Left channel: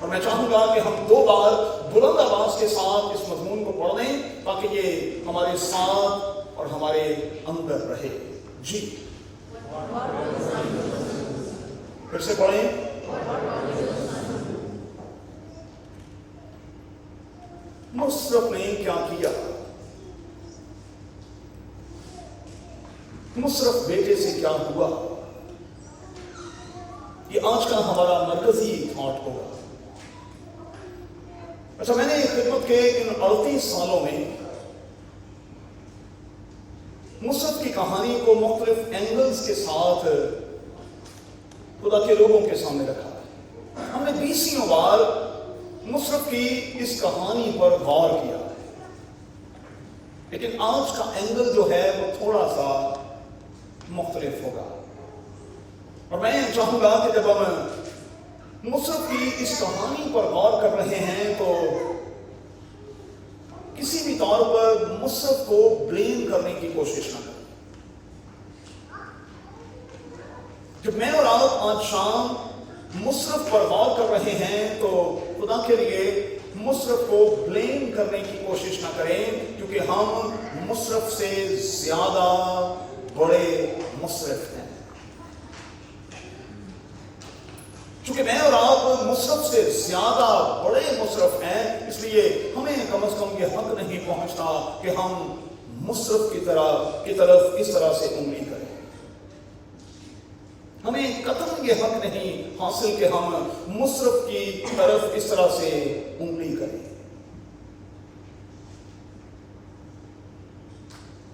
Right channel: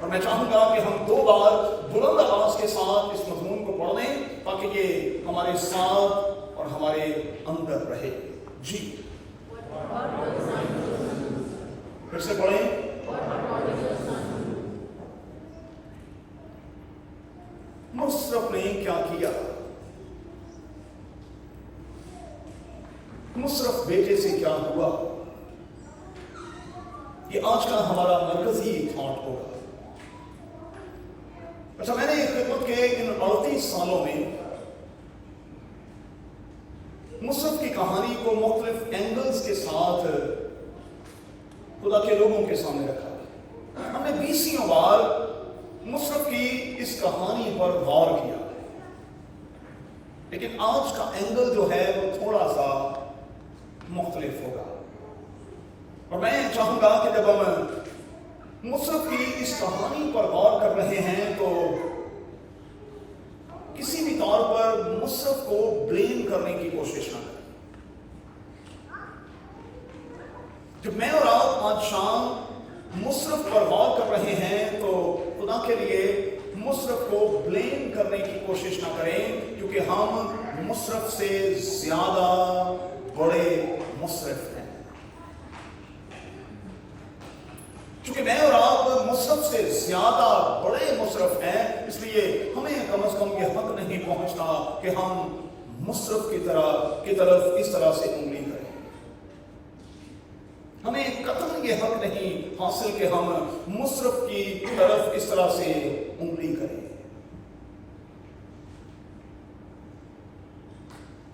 اور میں چاہوں گا کہ ہم 2 بار بلند آواز کے ساتھ اس مضمون کو پڑھ لیں تاکہ یہ ہمارے ساتھ اور ہمارے اندر رہے. جی پھر سے پڑھیں. مصرف نے کیا کیا؟ مصرف بیٹے سے کیا ہوا؟ یہ آج کا ہمارا مرکزی تھاٹ ہوگا. اچھا، میں نے خدمت کے ان 38 سالوں میں مصرف کی کہانی کو مختلف اینگلز کے ساتھ خدا کے لوگوں کے سامنے رکھا. ہم نے 20 بار مصرف کی اس کہانی پر غور کیا، لیکن آج کا اینگل جو ہے وہ تھوڑا سا مختلف ہوگا. اور میں چاہوں گا کہ جب ہم مصرف کی اس کہانی پر غور کر رہے ہیں تو کسی بھی طور پر مصرف کو بلیم کرنے کی کوشش نہ کریں. جب میں اور آپ آج شام مصرف پر غور کر رہے ہیں تو خدا کے لیے مصرف کو بلیم کرنے کی کوشش نہ کریں، کیونکہ ہم مصرف سے زیادہ بڑے مصرف ہیں. چونکہ میں اور آپ مصرف سے زیادہ بڑے مصرف ہیں، اس لیے ہمیں کم از کم یہ حق نہیں پہنچتا کہ ہم مصرف کی طرف اس طرح سے انگلی کریں. ہمیں قطعاً یہ حق نہیں حاصل کہ ہم مصرف کی طرف اس طرح سے انگلی کریں.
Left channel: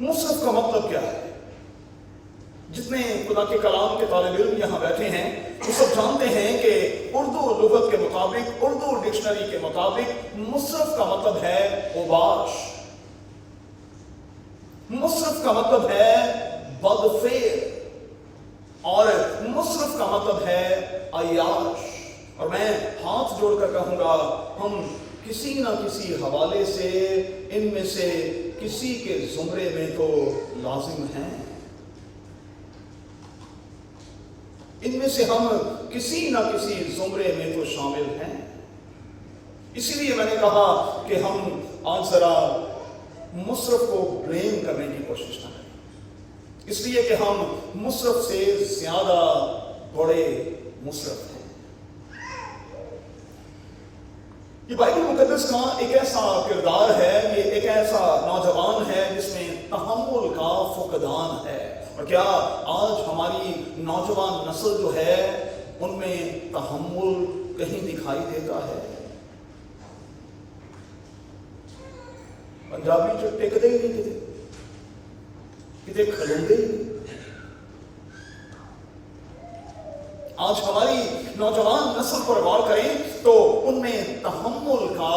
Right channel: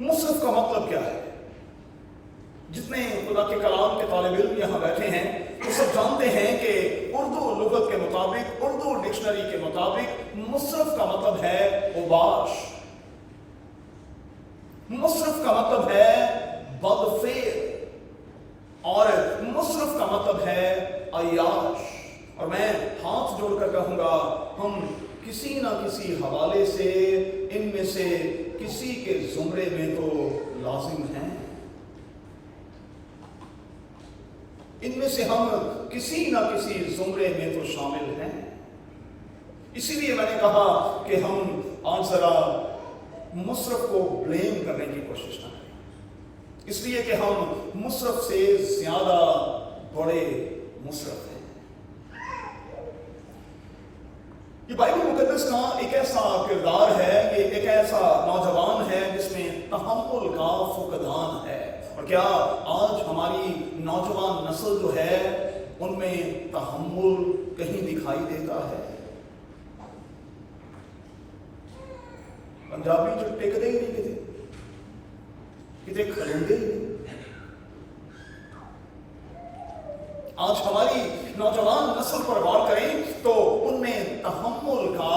مصرف کا مطلب کیا ہے؟ جتنے خدا کے کلام کے طالب علم یہاں بیٹھے ہیں وہ سب جانتے ہیں کہ اردو لغت کے مطابق، اردو ڈکشنری کے مطابق مصرف کا مطلب ہے اوباش. مصرف کا مطلب ہے بدفعل، اور مصرف کا مطلب ہے عیاش. اور میں ہاتھ جوڑ کر کہوں گا ہم کسی نہ کسی حوالے سے ان میں سے کسی کے زمرے میں تو لازم ہیں. ان میں سے ہم کسی نہ کسی زمرے میں تو شامل ہیں. اسی لیے میں نے کہا کہ ہم آج ذرا مصرف کو بلیم کرنے کی کوشش نہ کریں، اس لیے کہ ہم مصرف سے زیادہ بڑے مصرف ہیں. یہ بائبل مقدس کا ایک ایسا کردار ہے، یہ ایک ایسا نوجوان ہے جس میں تحمل کا فقدان ہے. اور کیا آج ہماری نوجوان نسل جو ہے ان میں تحمل کہیں دکھائی دیتا ہے؟ پنجابی جو ٹکتے ہی نہیں کتے کھلوندے ہی نہیں. آج ہماری نوجوان نسل پر غور کریں تو ان میں تحمل کا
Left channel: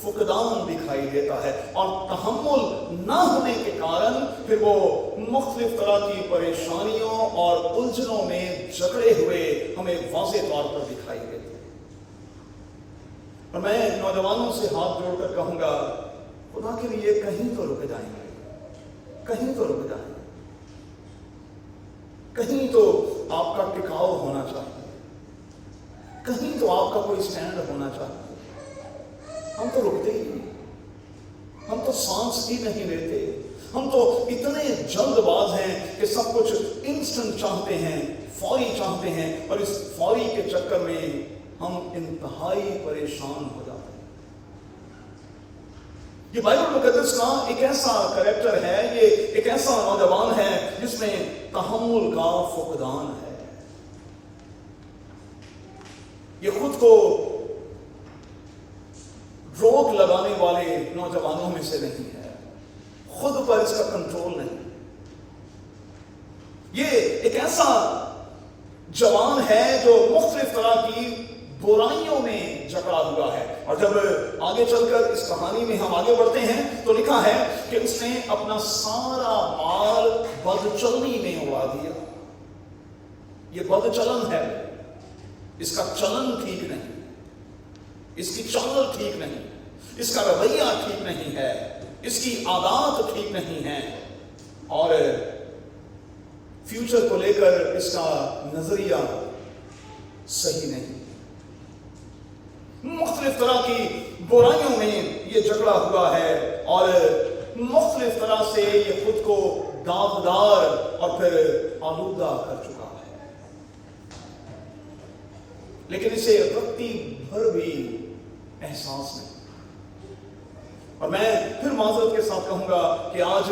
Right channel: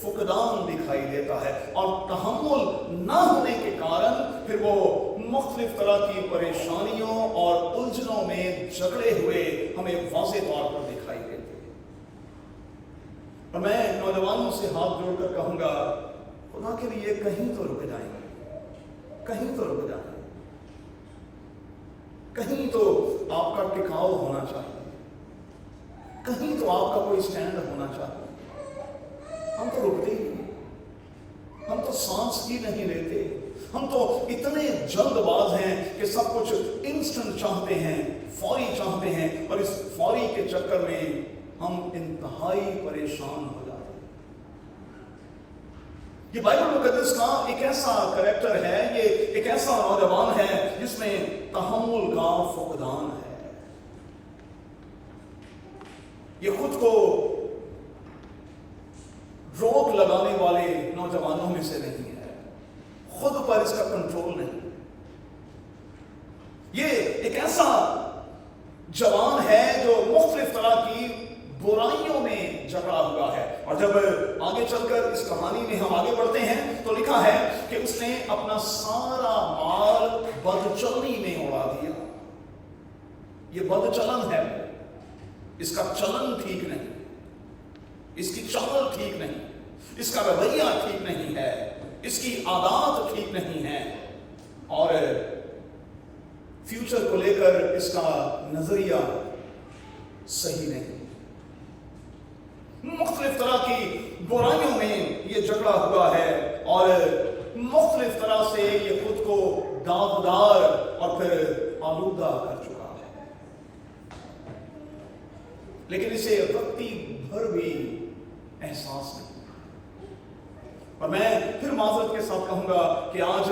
فقدان دکھائی دیتا ہے، اور تحمل نہ ہونے کے کارن پھر وہ مختلف طرح کی پریشانیوں اور الجھنوں میں جکڑے ہوئے ہمیں واضح طور پر دکھائی دیتے ہیں. اور میں نوجوانوں سے ہاتھ جوڑ کر کہوں گا خدا کے لیے کہیں تو رک جائیں گے، کہیں تو رک جائیں گے، کہیں تو آپ کا ٹکاؤ ہونا چاہیے، کہیں تو آپ کا کوئی سٹینڈ ہونا چاہیے. ہم تو رکتے ہی نہیں، ہم تو سانس ہی نہیں لیتے. ہم تو اتنے جلد باز ہیں کہ سب کچھ انسٹنٹ چاہتے ہیں، فوری چاہتے ہیں، اور اس فوری کے چکر میں ہم انتہائی پریشان ہو جاتے ہیں. یہ بائبل مقدس کا ایک ایسا کریکٹر ہے، یہ ایک ایسا نوجوان ہے جس میں تحمل کا فقدان ہے. یہ خود کو روک لگانے والے نوجوانوں میں سے نہیں ہے، خود پر اس کا کنٹرول نہیں. یہ ایک ایسا جوان ہے جو مختلف طرح کی برائیوں میں جکڑا ہوا ہے. اور جب آگے چل کر اس کہانی میں ہم آگے بڑھتے ہیں تو لکھا ہے کہ اس نے اپنا سارا مال بدچلنی میں اڑا دیا. یہ بدچلن ہے، اس کا چلن ٹھیک نہیں، اس کی چال ٹھیک نہیں، اس کا رویہ ٹھیک نہیں ہے، اس کی عادات ٹھیک نہیں ہے، اور فیوچر کو لے کر اس کا نظریہ صحیح نہیں. मुख्तलिफ तरह की बुराइयों में ये जकड़ा हुआ है और मुख्तलिफ तरह से ये खुद को दागदार और फिर आलूदा कर चुका है, लेकिन इसे रत्ती भर भी एहसास नहीं। और मैं फिर माजरत के साथ कहूंगा कि आज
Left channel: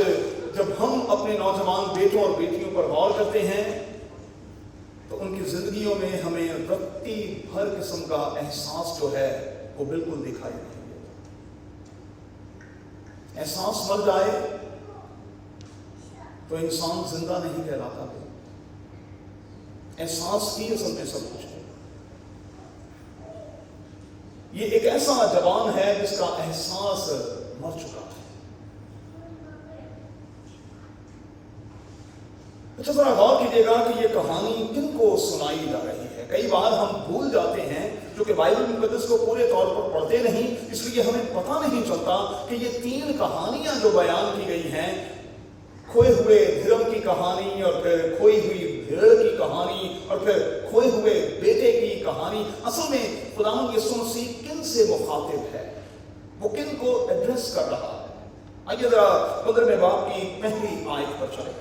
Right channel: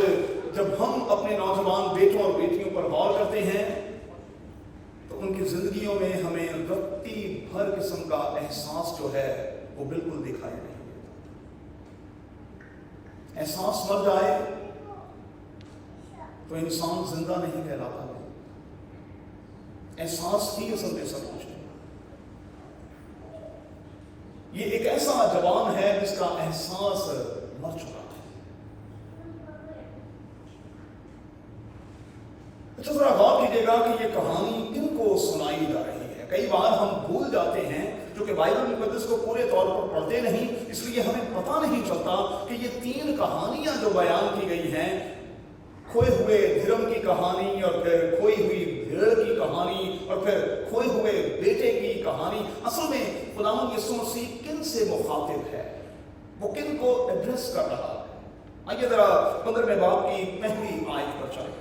जब हम अपने नौजवान बेटों और बेटियों पर गौर करते हैं तो उनकी जिंदगियों में हमें रत्ती भर किस्म का एहसास जो है वो बिल्कुल दिखाई नहीं देता। एहसास मर जाए तो इंसान जिंदा नहीं कहलाता। एहसास ही असल में सब कुछ है। ये एक ऐसा जवान है जिसका एहसास मर चुका है। अच्छा, जरा गौर कीजिएगा कि ये कहानी किनको सुनाई जा रही है। कई बार हम भूल जाते हैं, जो कि बाइबल मुकद्दस को पूरे तौर पर पढ़ते नहीं, इसलिए हमें पता नहीं चलता कि ये 3 कहानियां जो बयान की गई हैं, खोए हुए धर्म की कहानी और फिर खोई हुई भेड़ की कहानी और फिर खोए हुए बेटे की कहानी, असल में खुदावंद यीशु मसीह किन से मुखातिब है, वो किन को एड्रेस कर रहा है। आइए जरा 15वें बाब की पहली आयत पर चले।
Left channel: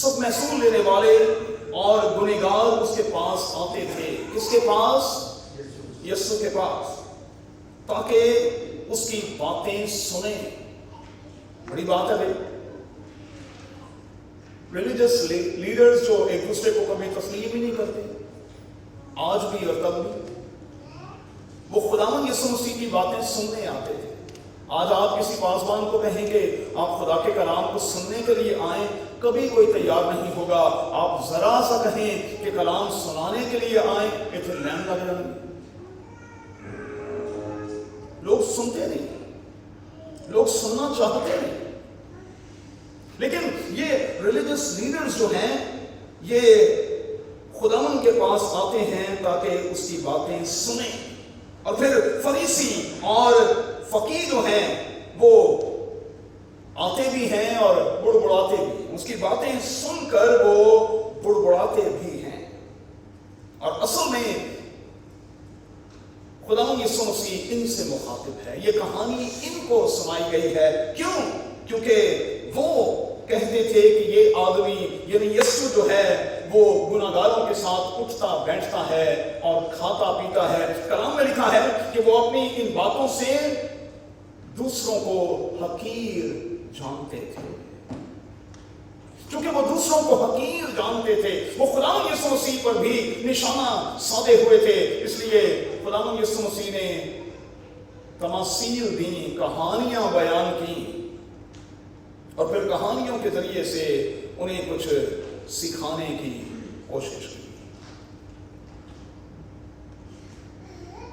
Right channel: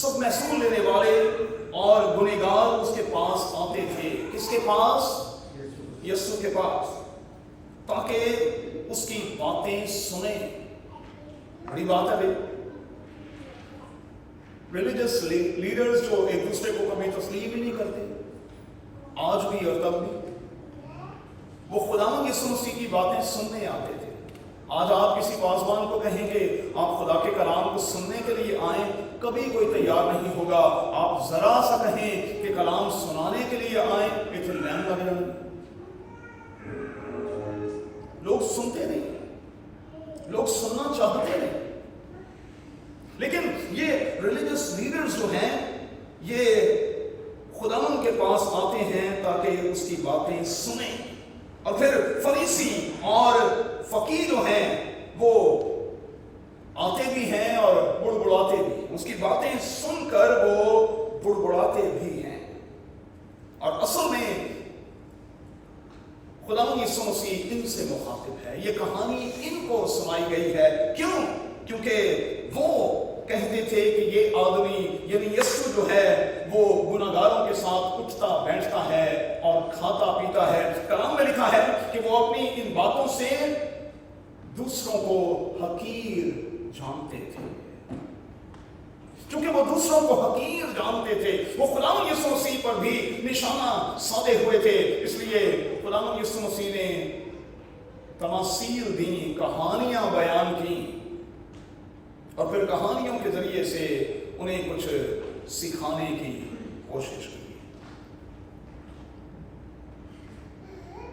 सब महसूल लेने वाले और गुनहगार उसके पास आते थे। किसके पास? यीशु के पास, ताकि उसकी बातें सुने। बड़ी बात है भाई। रिलीजियस लीडर्स जो एक दूसरे को कभी तस्लीम ही नहीं करते, आज भी और तब भी, वो खुदावंद यीशु मसीह की बातें सुनने आते थे। आज आप किसी पासवान को कहेंगे आप खुदा के कलाम को सुनने के लिए आए, कभी कोई तैयार नहीं होगा। आप जरा सा कहें कि कलाम सुनाने के लिए आए, इतने लैंड लग जाएंगे। लोग सुनते नहीं, लोग सुनना चाहते नहीं। लेकिन ये रिलीजियस लीडर्स जो हैं, ये खुदावंद के पास आते हैं ताकि उसकी बातें सुने। और फिर फरीसी और फकीर जो हैं वो आते भी हैं और बुड़बुड़ाते भी। उसकी बातें सुनकर वो बुड़बुड़ाते भी हैं। और असल में खुदावंद यीशु मसीह इनसे मुखातिब है। ये कहानी इनको सुनाई गई है। क्यों? क्योंकि वो कहते थे कि ये आदमी यानी यीशु जो है वो गुनाहगारों के साथ उठता बैठता है और खाता पीता है। कलाम में लिखा है कि वो अपनी इन बातों से दूसरों को हकीर जानते थे। क्योंकि वो दूसरों को हकीर जानते थे, वो खुदावंद यीशु मसीह पर भी निशाना साधे हुए थे। इसलिए खुदावंद यीशु मसीह ने तमासील दी, कहानियां बयान की और फिर कहानियों के जरिए से उन्हें कुछ सिखाने की कोशिश की।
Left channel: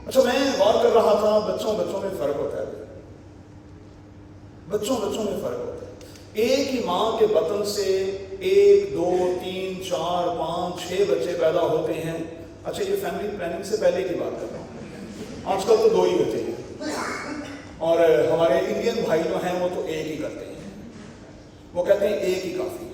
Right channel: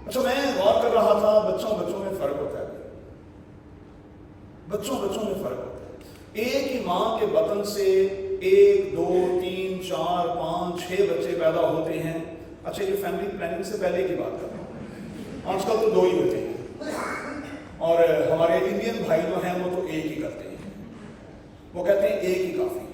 अच्छा, मैं गौर कर रहा था, बच्चों में फर्क होता है। बच्चों में फर्क होता है। एक ही मां के बतन से 1, 2, 3, 4, 5, 6 बच्चे पैदा होते हैं। अच्छा, ये फैमिली प्लानिंग से पहले की बात कर रहा हूं। आजकल तो 2 ही होते हैं और हमारे इंडियन भाई जो हैं वो तो 1 ही करते हैं। वो कहते हैं 1 ही काफी है।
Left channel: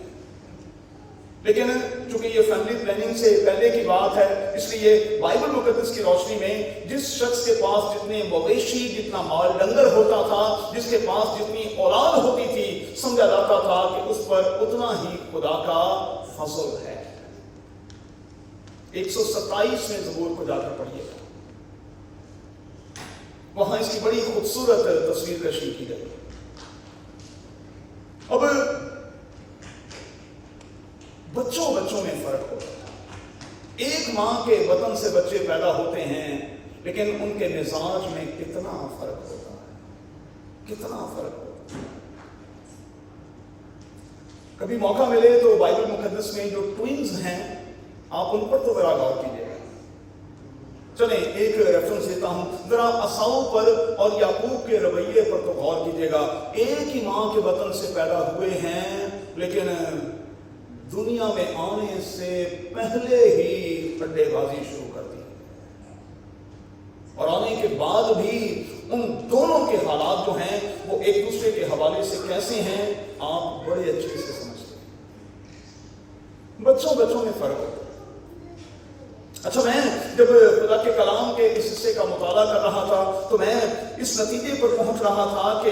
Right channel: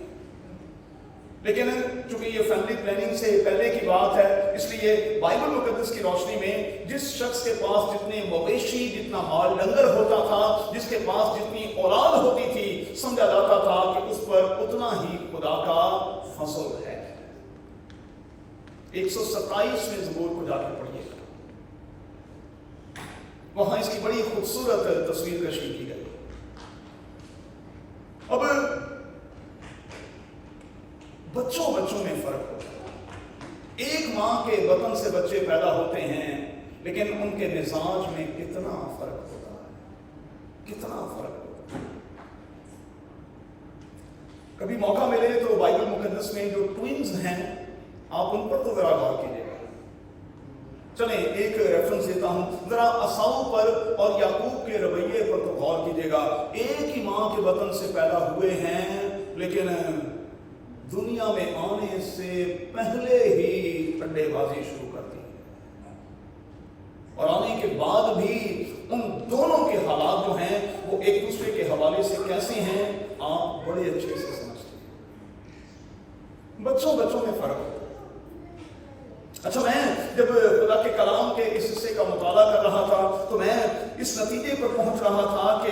लेकिन चूंकि ये फैमिली प्लानिंग से पहले की बात है, इसलिए बाइबल मुकद्दस की रोशनी में जिस शख्स के पास जितने मवेशी, जितना माल डंगर होता था, जिसके पास जितनी औलाद होती थी, समझा जाता था कि उस पर उतना ही खुदा का फजल है। 127 में ज़बूर को जाकर पढ़िए, वहां इसकी बड़ी खूबसूरत तस्वीर कशी की गई। अब बच्चों में फर्क होता है। एक मां के बतन से बच्चे पैदा होते हैं, लेकिन उनके मिजाज में कितना फर्क होता है, कितना फर्क होता है। कभी मौका मिले तो बाइबल मुकद्दस में जो ट्विन्स हैं, आप उन पर तो जरा गौर कीजिएगा। चलें, एक रेफरेंस देता हूं, जरा असाऊ पर और याकूब के रवैये पर तो गौर कीजिएगा। एक ही मां के बतन से पैदा हुए हैं, लेकिन दुनिया में आने से पहले ही अड्डेबाजी शुरू कर दी और आने के बाद भी उन दोनों के हालात जो हैं वो एक दूसरे के हवाले से कैसे हैं, आप बड़े अच्छे से समझते हैं। बच्चों में फर्क होता है। अच्छा, मैं जब खुदा के कलाम के इस हिस्से का मुताला कर रहा था तो मैं इस नतीजे पर पहुंच रहा था कि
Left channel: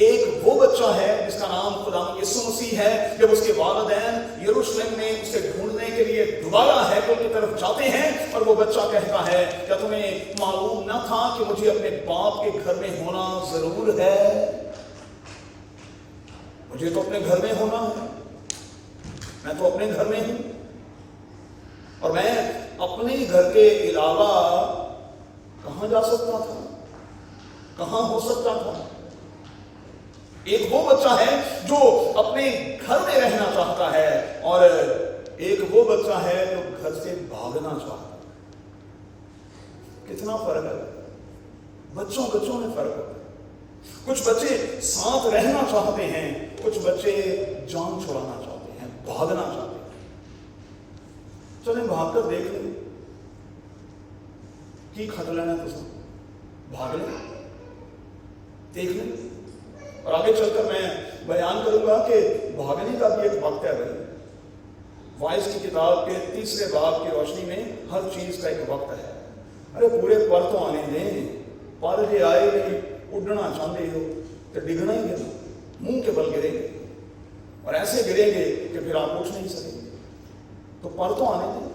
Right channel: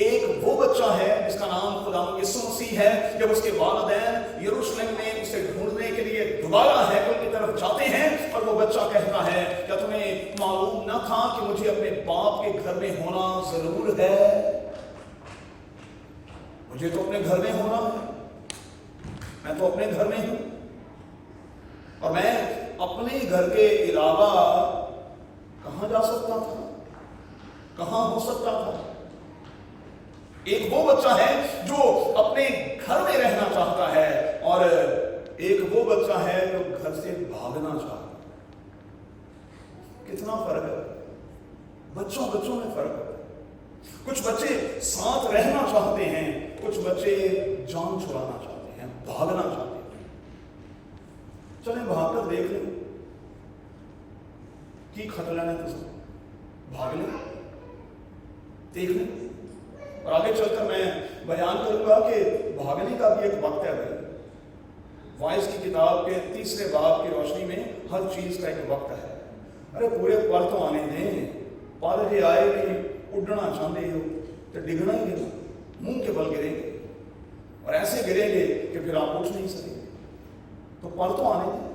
एक वो बच्चा है जिसका नाम खुदा यीशु मसीह है। जब उसके वालिदैन यरूशलेम में उसे ढूंढने के लिए दोबारा हैकल की तरफ जाते हैं और वो बच्चा कहता है, क्या तुम्हें मालूम न था कि मुझे अपने बाप के घर में होना जरूर है? मुझे तो अपने घर में होना है, मैं तो अपने घर में हूं और मैं अपने घर के अलावा कहां जा सकता था, कहां हो सकता था? एक वो बच्चा है जो अपने घर में रहना चाहता है और एक वो बच्चा है जो घर से भागना चाहता है। कितना फर्क है, बच्चों में फर्क है। कुछ बच्चे साथ रहना चाहते हैं, कुछ बच्चे जान छुड़ाना चाहते हैं, भागना चाहते हैं। चलें भागकर देख लें की खतरा है, तो भाग लें, देख लें। और आगे चलकर मैं बयान करूंगा कि भागने का भी एक वक्त है भाई। वाइस की किताब के 3 बाब की रोशनी में हर चीज का एक वक्त है। अरे पूरे पर तो आने दें, पर जे आए नहीं, उड़ना चाहते हो तो डिगना ही गिरना, मुंह के बल गिरेंगे और ऐसे गिरेंगे कि फिर आप उठ नहीं सकेंगे। तो पर तो आने दें,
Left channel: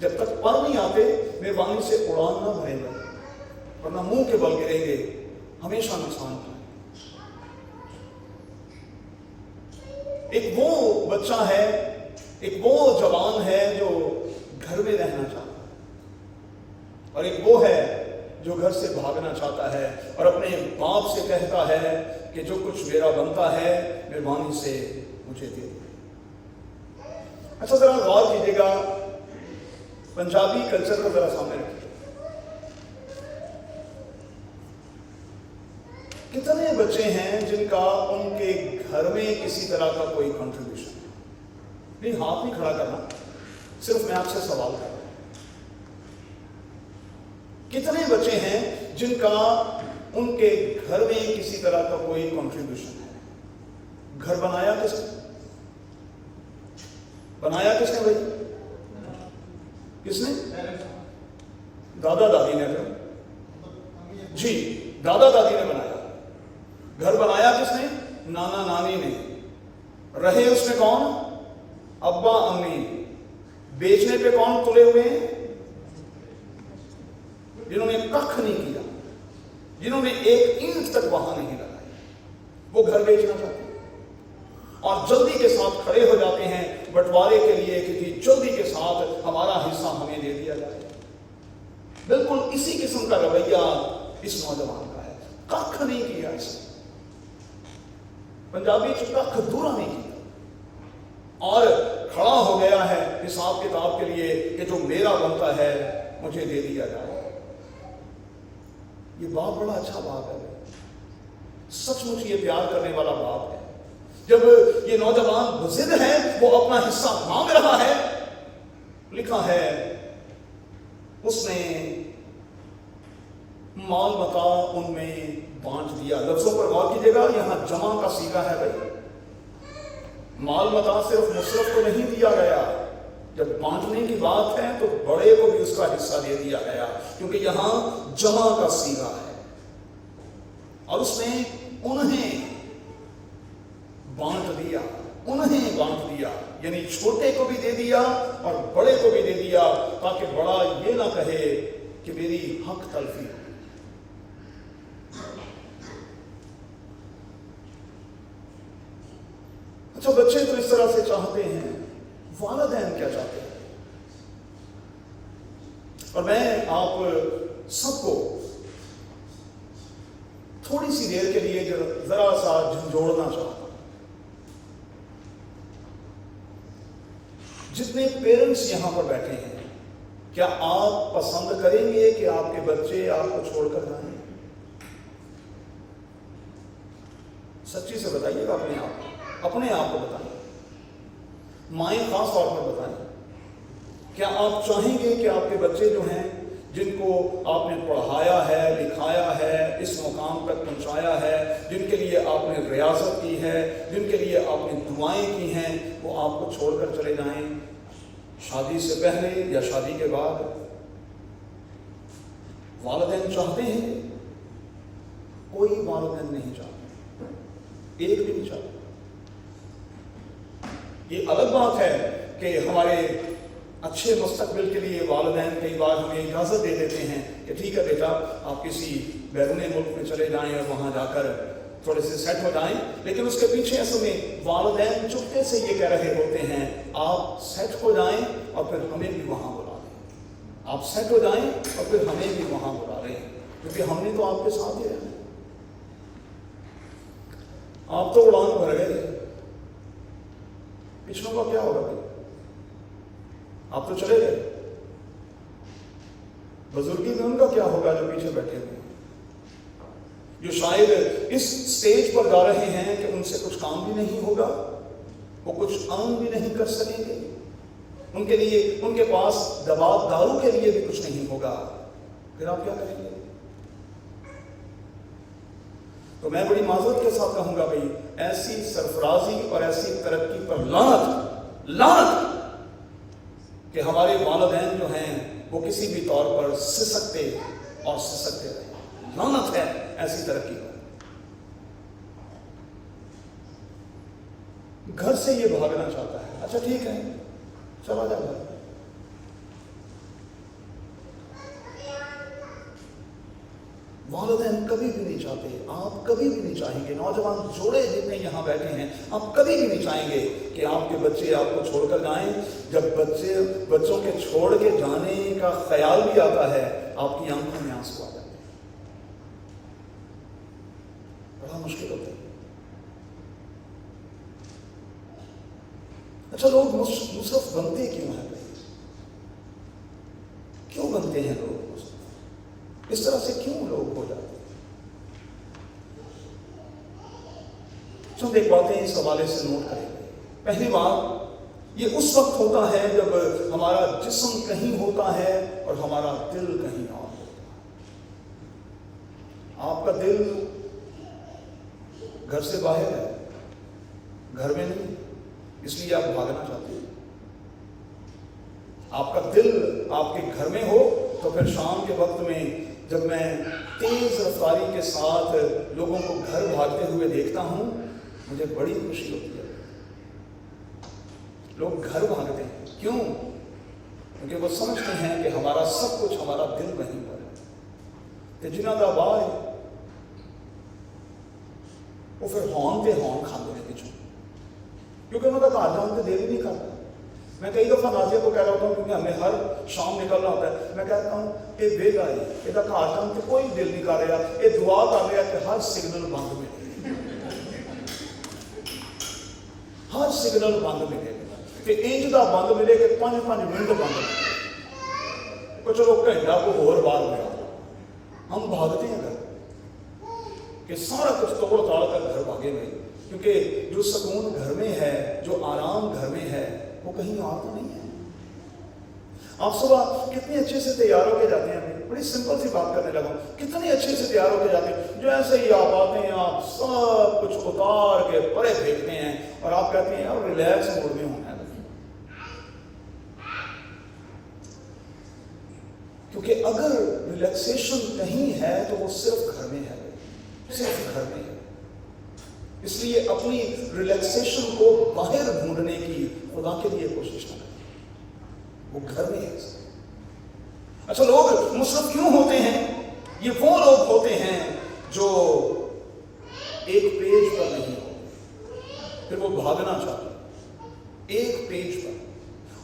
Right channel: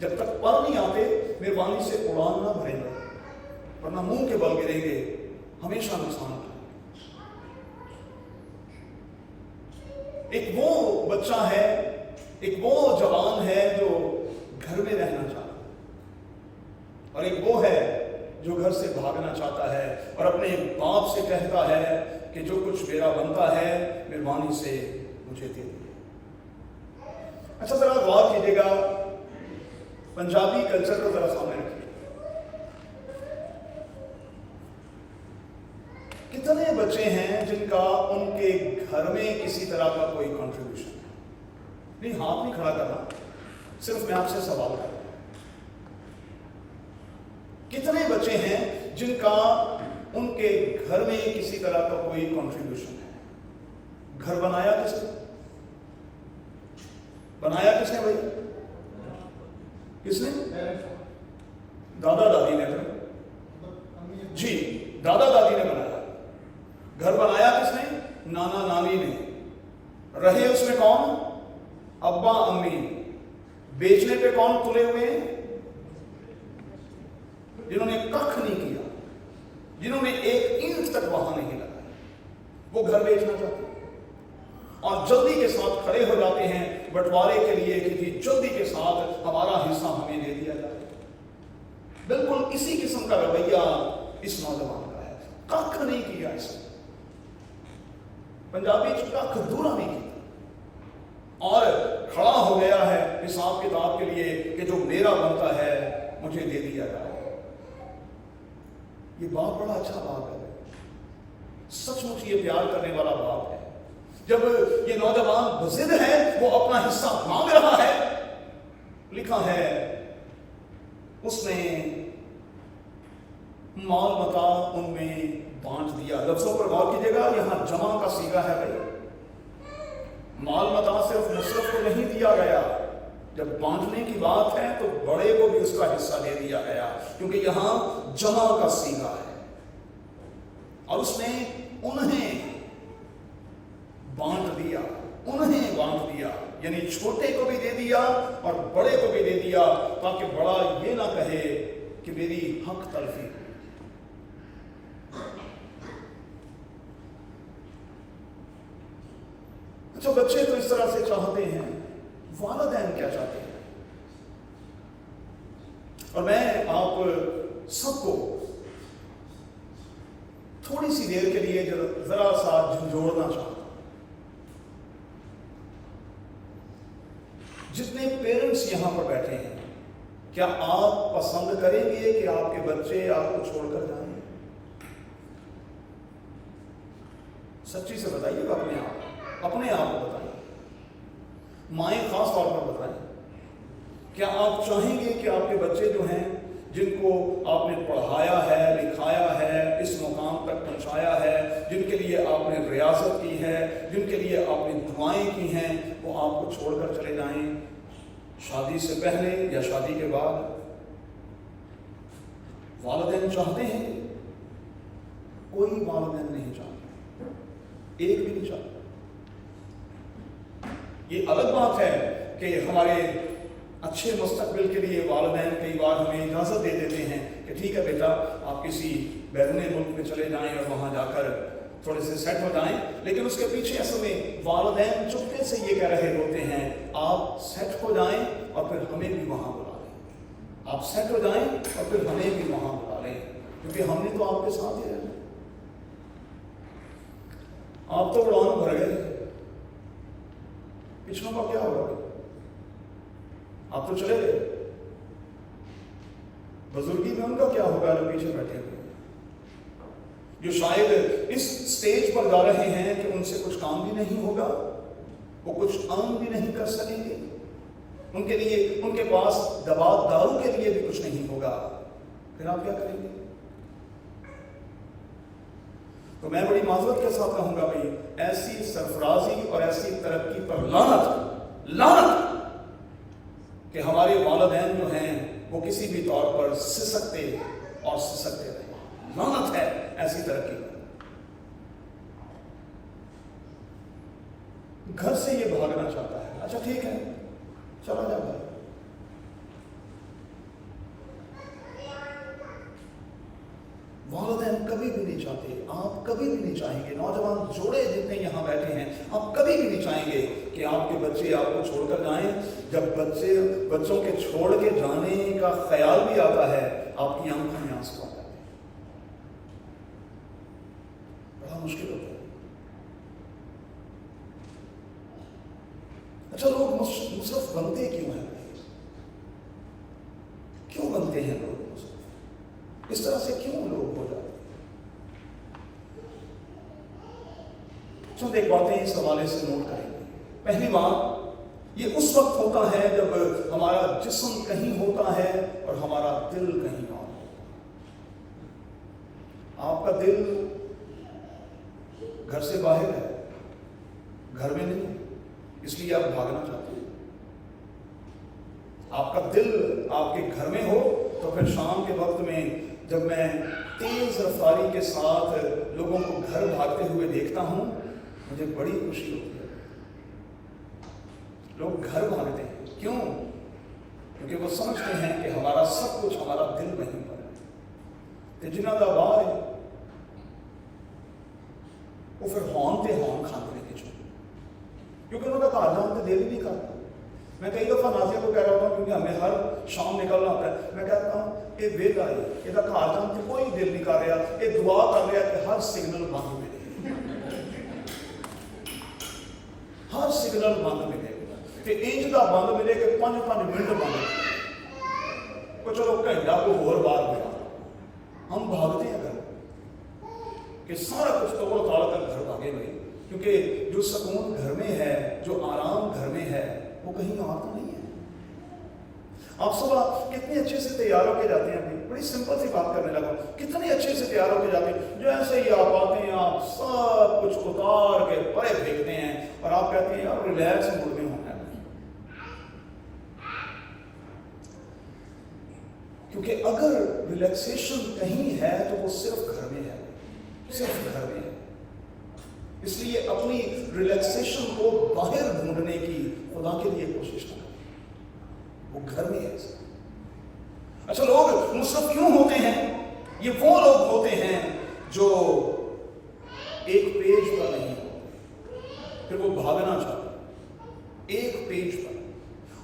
जब तक पर नहीं आते मेहरबानी से उड़ान ना भरेगा, वरना मुंह के बल गिरेंगे, हमेशा नुकसान होता है। एक वो बच्चा है, एक वो जवान है जो घर में रहना चाहता है और एक वो है जो घर से भागना चाहता है और अपने बाप से कहता है कि जो कुछ मेरा बनता है मेहरबानी से मुझे दे दे। अच्छा जरा गौर कीजिएगा, पंजाबी कल्चर को जरा सामने रखिए। कितने बच्चे हैं जिनका उनके घर में किसी तरह का कोई कंट्रीब्यूशन नहीं? हाथ नहीं खड़ा करना, सिर्फ मैं आपसे सवाल कर रहा हूं। कितने बच्चे हैं जिनका उनके घर में किसी तरह का कोई कंट्रीब्यूशन है? घर बनाया किसने? बनाया किसने भाई? किसने? दादा दादी ने कर जी, दादा दादी ने बनाया। घर बनाया किसने? नाना नानी ने। रहे उसमें कौन? अब्बा अम्मी। बेचने पे कौन तुले हुए हैं? जिन्होंने कख नहीं किया, जिन्होंने एक ईंट तक वहां नहीं लगाई, वो घर बेचना चाहते हैं और जल्दी के साथ खड़े हो जाते हैं बंटवारे के लिए कि जल्दी के साथ हमारा हिस्सा हमें दे दिया जाए। बिल्कुल इसी किस्म का रवैया इस नौजवान का है। कख नहीं किया, इसने पंजाबी कख दूरा नहीं किया और खड़ा हो गया है हिसाब किताब के लिए कि जो मेरा बनता है मुझे दे दिया जाए। ये बाप बड़ा अच्छा बाप है, सचमुच ये प्यार करने वाला बाप है। जब ये नौजवान बज़िद है, वो अपना हिस्सा मांग रहा है, लिखा है उसने माल मता उनमें बांट दिया। लफ्जों पर गौर कीजिएगा, यहां जमा का सीगा है भाई। माल मता सिर्फ मुसरफ को नहीं दिया गया, जब बांटने की बात है तो बड़े को भी उसका हिस्सा दे दिया गया, क्योंकि यहां जमा का सीगा है। और उसने उन्हें बांट दिया, उन्हें बांट दिया, यानी छोटे को भी दे दिया और बड़े को भी दे दिया, ताकि बड़ा ये ना कहे कि मेरी हक तलफी। अच्छा, बच्चे तो इस तरह से चाहते हैं, वालिदैन क्या चाहते हैं? और मैं आप सबको थोड़ी सी देर के लिए जरा सा झंझोड़ना चाहता हूं। जितने पेरेंट्स यहां पर बैठे हैं, क्या आप पसंद करेंगे कि आपके बच्चे आपको छोड़कर जाएं? सच्ची से बताइएगा, अपने आप को बताएं, माएं खास तौर पर बताएं। क्या आप चाहेंगे कि आपके बच्चे जो हैं, जिनको आपने पढ़ाया है, लिखाया है, इस मुकाम तक पहुंचाया है, जिनके लिए आपने रियासत की है, जिनके लिए आपने दुआएं की हैं, वो आपको छोड़कर चले जाएं? शादी से पहले या शादी के बाद वालिदैन चाहते हैं? कोई वालिदैन नहीं चाहते, एक भी नहीं चाहता। ये अलग बात है कि हमारे अच्छे मुस्तकबिल के लिए वालिदैन कई बार हमें इजाज़त दे देते हैं कि ठीक है बेटा, आप किसी बैरूनी मुल्क में चले जाएं और वहाँ जाकर थोड़े से सेट हो जाएं। लेकिन उसके पीछे असल में वालिदैन चुपके से ये कह रहे होते हैं, आप सेट हो जाएं और फिर हमें भी वहाँ बुला लें। आप सेट हो जाएं और फिर हमें भी वहाँ बुला लें, क्योंकि हमने तो आपके साथ ही रहना। आप तो उड़ान भर गए, पिछलों का क्या होगा? आप तो चले गए, बुजुर्गी में उनका क्या होगा जो पीछे बैठे हुए, जो शायद इस स्टेज पर जा रहे हैं कि उनसे कुछ काम भी नहीं होगा, वो कुछ अर्न भी नहीं कर सकेंगे, उनके लिए उनके पास दवा दारू के लिए भी कुछ नहीं होगा, फिर आप क्या करेंगे? तो मैं बड़ी माजरत के साथ कहूंगा भाई, ऐसी सरफराजी और ऐसी तरक्की पर लानत, लानत कि हमारे वालिदैन जो हैं वो किसी भी तौर पर सिसकते और सिसकते रहे। लानत है ऐसी तरक्की पर। घर से ये भागना चाहता है, अच्छा ठीक है चला जाओ। वालिदैन कभी भी नहीं चाहते, आप कभी भी नहीं चाहेंगे, नौजवान जोड़े जितने यहाँ बैठे हैं, आप कभी भी नहीं चाहेंगे कि आपके बच्चे आपको छोड़कर जाएं। जब बच्चों के छोड़ के जाने का ख्याल भी आता है, आपकी आंखों में आंसू आ जाते हैं, बड़ा मुश्किल होता है। अच्छा, लोग मुसरफ बनते क्यों हैं? क्यों बनते हैं लोग? इस तरह से क्यों लोग हो जाते हैं? चलो एक बातें इस हवाले से नोट करेंगे। पहली बात, ये उस वक्त होता है जब हमारा जिस्म कहीं होता है और हमारा दिल कहीं और होता है। आपका दिल घर से बाहर है, घर में नहीं, इसलिए आप भागना चाहते हैं। आपका दिल आपके घर में हो तो फिर शाम के वक्त में जब मैं तेज रफ्तारी के साथ लोगों को घर भागते हुए देखता हूं, मुझे बड़ी खुशी होती है। लोग घर भागते हैं, क्यों? क्योंकि वो समझते हैं कि हमारा सब कुछ, हमारा दिल वहीं पर है। ते जिन्हों का बाल है वो फिर हॉर्न ते हॉर्न खाते हैं पिछू, क्योंकि उन्होंने घर जाने दिल ही नहीं करता। मैं कई दफा नाजिया को कह रहा होता हूँ, क्योंकि हमें हर शाम निकलना होता है, मैं कहता हूँ ये वेला है, इसका घर जाने से कोई दिल नहीं कर रहा, ये दुआ कर रहा है कि हर सिग्नल बंद मिले, हर सिग्नल बंद मिले, इंज का बंद मिले कि 5-5 मिनट बंद मिले, कुछ लोग घंटा को होर बार मिला। हम भागते हैं घर कि सारा कुछ तोड़ ताड़ कर घर भागे भाई, क्योंकि जो सुकून घर में है, जो आराम घर में है, वो कहीं और तो नहीं है। आप सुबह कितनी अच्छे से तैयार होके जाते हैं, अपनी बड़ी सिंपल सी बात करने लगा, कितने अच्छे से तैयार होके जाते हैं, जैसे ही आप आते हैं आप सब कुछ उतार के परे फेंकते हैं और आप कहते हैं यार रिलैक्स मूड में होना है। क्योंकि अगर रिलैक्सेशन कहीं है तो वो सिर्फ घर में है, सिर्फ घर में है। इसलिए अपनी रिलैक्सेशन को बाहर ढूंढने की खुदा के लिए कोशिश न करें, वो घर में है। अच्छा, लोग मुसरफ क्यों होते हैं? ये वो लोग होते हैं जो एक पेज पर नहीं होते, फिर वो भागना चाहते एक पेज पर।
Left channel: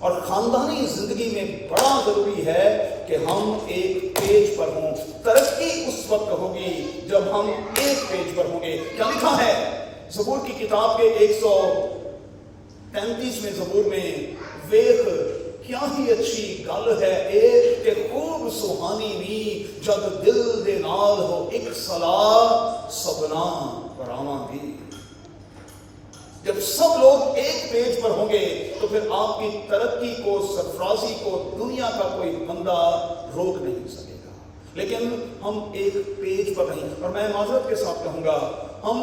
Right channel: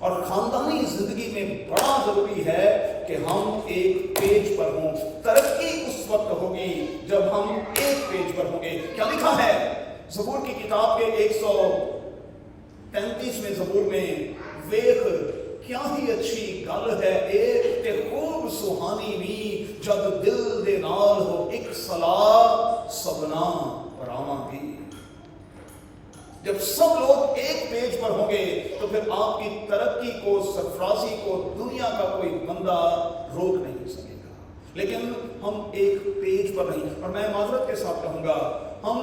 और खानदानी जिंदगी में बड़ा जरूरी है कि हम एक पेज पर हों। तरक्की उस वक्त होगी जब हम एक पेज पर होंगे। क्या लिखा है ज़बूर की किताब के 133वें ज़बूर में? वेख क्या ही अच्छी गल है एक ते खूब सुहानी नी, जब दिल दे नाल हो एक सलाह सबना परावां दी। जब सब लोग एक पेज पर होंगे तो फिर आपकी तरक्की को, सरफराजी को दुनिया का कोई बंदा रोक नहीं सकेगा। लेकिन हम एक पेज पर नहीं। और मैं माजरत के साथ कहूंगा, हम